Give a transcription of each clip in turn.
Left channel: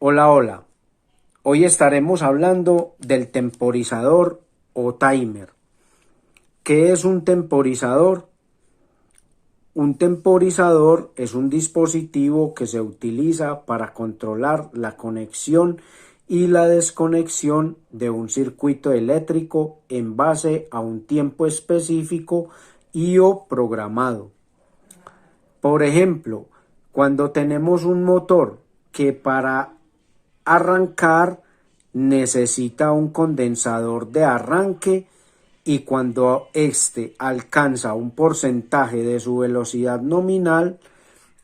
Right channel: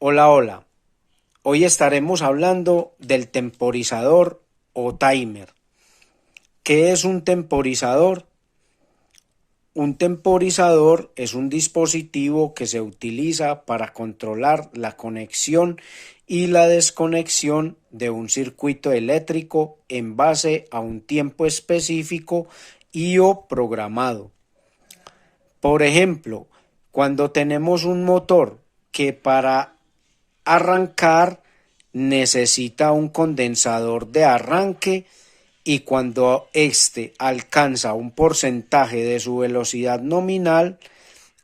Hola, hola. Hoy estaremos hablando del temporizador o timer. ¿Qué es un temporizador? Un temporizador es un dispositivo que se utiliza para controlar la conexión y la desconexión de un circuito eléctrico en base a un tiempo específico y o programado. Por ejemplo, cuando tenemos un motor que para arrancar necesita un condensador de arranque y cuando éste alcanza un porcentaje de su velocidad nominal,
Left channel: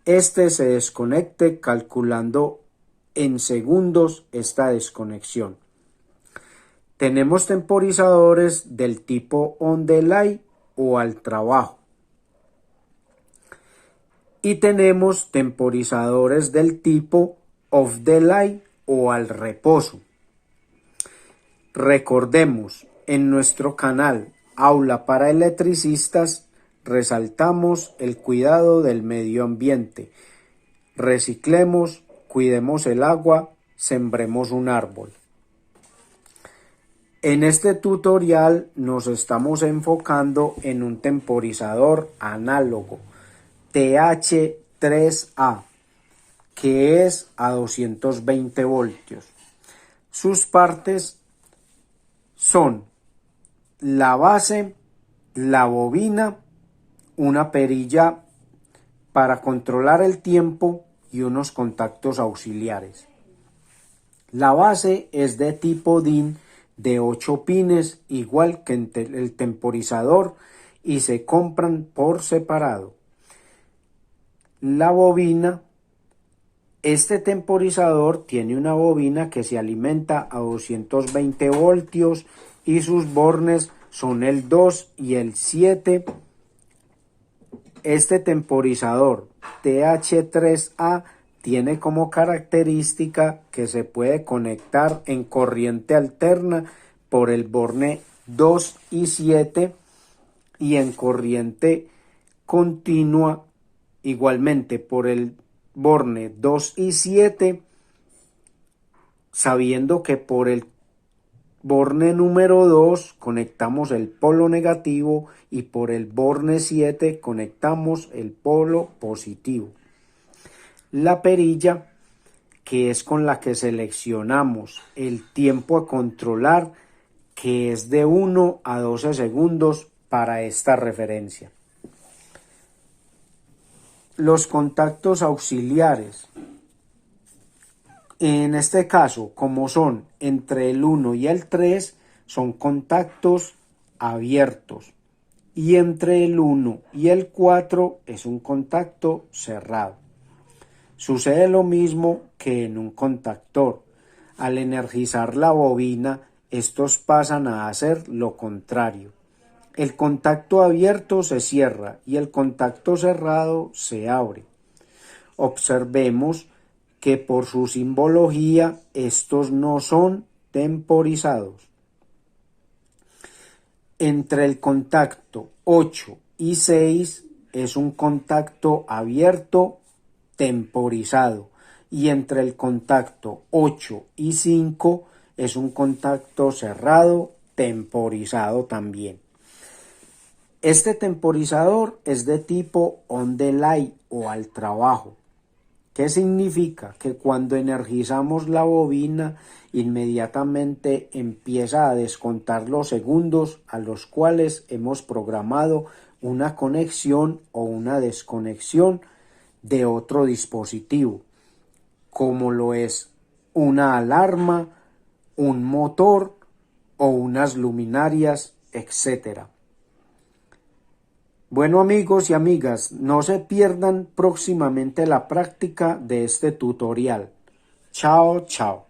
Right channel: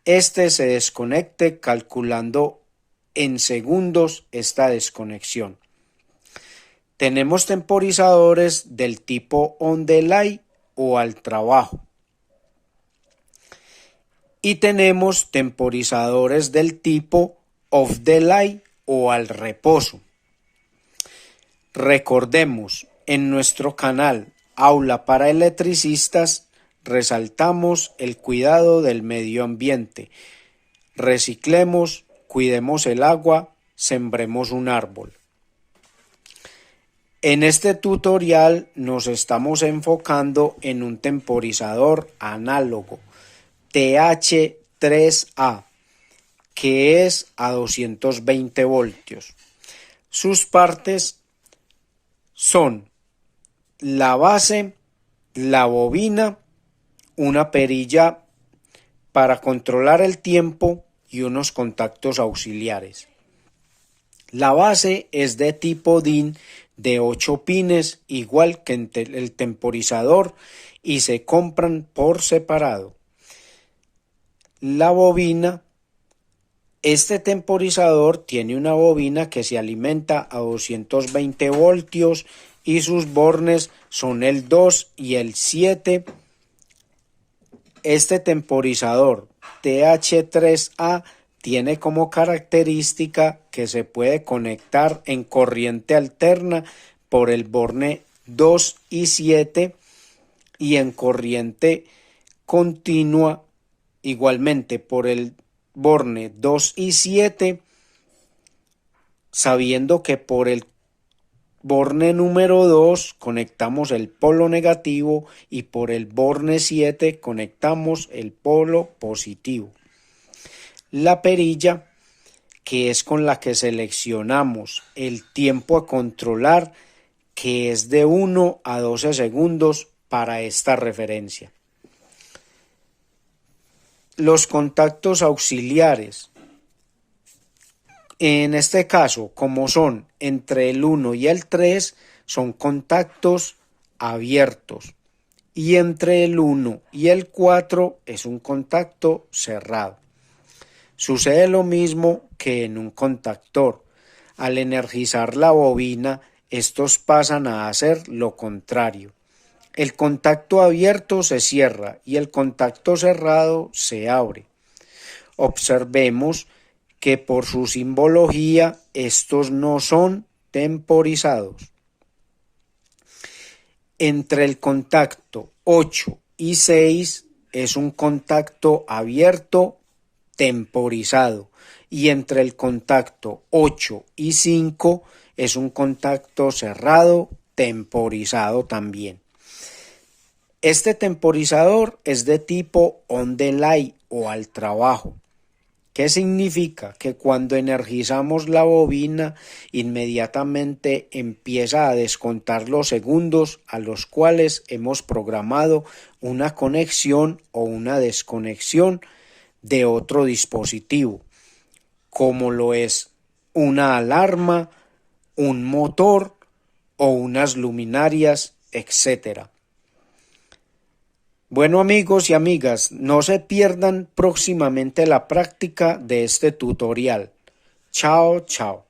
éste se desconecte calculando en segundos esta desconexión. Tenemos temporizadores del tipo on delay o al trabajo. Y tenemos temporizadores del tipo off delay o al reposo. Recordemos, en nuestro canal Aula para Electricistas resaltamos el cuidado del medio ambiente. Reciclemos, cuidemos el agua, sembremos un árbol. En este tutorial nos estamos enfocando en un temporizador análogo TH3A que es a 220 voltios. Sus partes son la base, la bobina, una perilla para controlar el tiempo y unos contactos auxiliares. La base es de tipo DIN de 8 pines, igual que el temporizador, y se compran por separado. La bobina. Este temporizador tiene una bobina que se alimenta a 220 voltios y sus bornes son el 2 y el 7. Este temporizador TH3A tiene como característica que se puede conectar en corriente alterna por el borne 2 y 7 y en corriente continua igualmente por el borne 2 y 7, sabiendo que por el borne número 2 conectamos el polo negativo y por el borne 7 conectamos el polo positivo. La perilla, que es con la que seleccionamos el tiempo a controlar, que es de 1 a 12 segundos para esta referencia. Los contactos auxiliares. En este caso, como son entre el 1 y el 3, son contactos abiertos. Y entre el 1 y el 4 es un contacto cerrado. Sucede lo mismo que en un contactor. Al energizar la bobina, estos pasan a hacer lo contrario. El contacto abierto se cierra y el contacto cerrado se abre. Observemos que por su simbología estos no son temporizados. Entre el contacto 8 y 6 es un contacto abierto temporizado y entre el contacto 8 y 5 es un contacto cerrado temporizado también. Este temporizador es de tipo on delay o al trabajo. ¿Qué significa? Que cuando energizamos la bobina, inmediatamente empieza a descontar los segundos a los cuales hemos programado una conexión o una desconexión de otro dispositivo, como lo es una alarma, un motor o unas luminarias, etc. Bueno, amigos y amigas, no se pierdan próximamente la práctica de este tutorial. Chao, chao.